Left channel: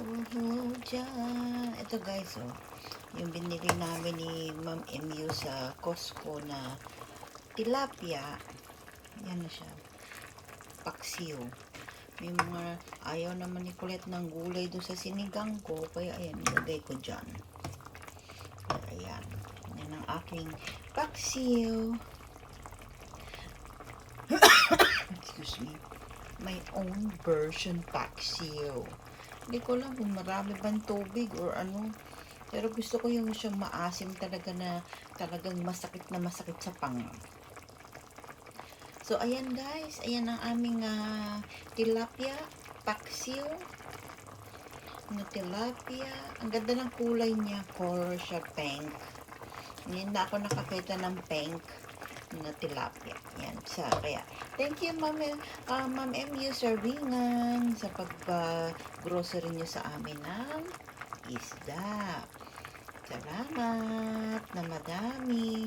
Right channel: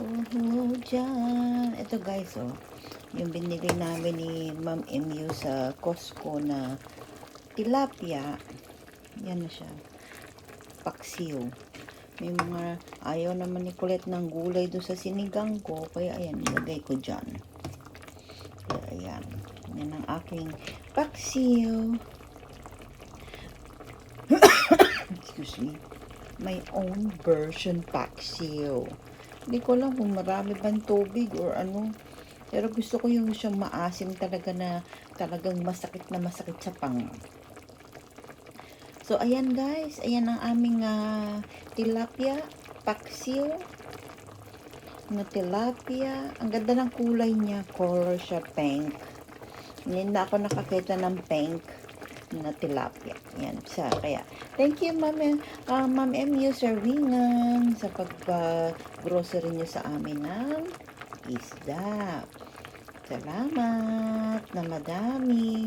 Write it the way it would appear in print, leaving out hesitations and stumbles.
Oh, dyan. Ito guys, oh. Yung binili namin ni Ma'am MU sa Costco na tilapia. Yan siya. Paksiw. May mga ayaw naman ni Kulit ng gulay doon sa sinigang ko. Kaya ayan, ilagay ko dyan. Kaya ayan. Yan ang aking paksiw. Excuse me. My own version paksiw. Hindi ko alam kung marami bang tubig or ano. Pero gusto ko yung siyang maasim talaga na talagang masakit na masakit sa pang. So, ayan guys. Ayan ang aming tilapia, paksiw na tilapia. Ang ganda ng kulay niya. Color siya pink. Hindi na ako nakakita ng pink na tilapia. Yan siya. Kaya, thank you Ma'am MU Servingan sa pag-grocery niyo sa amin ng isda. Salamat na madami.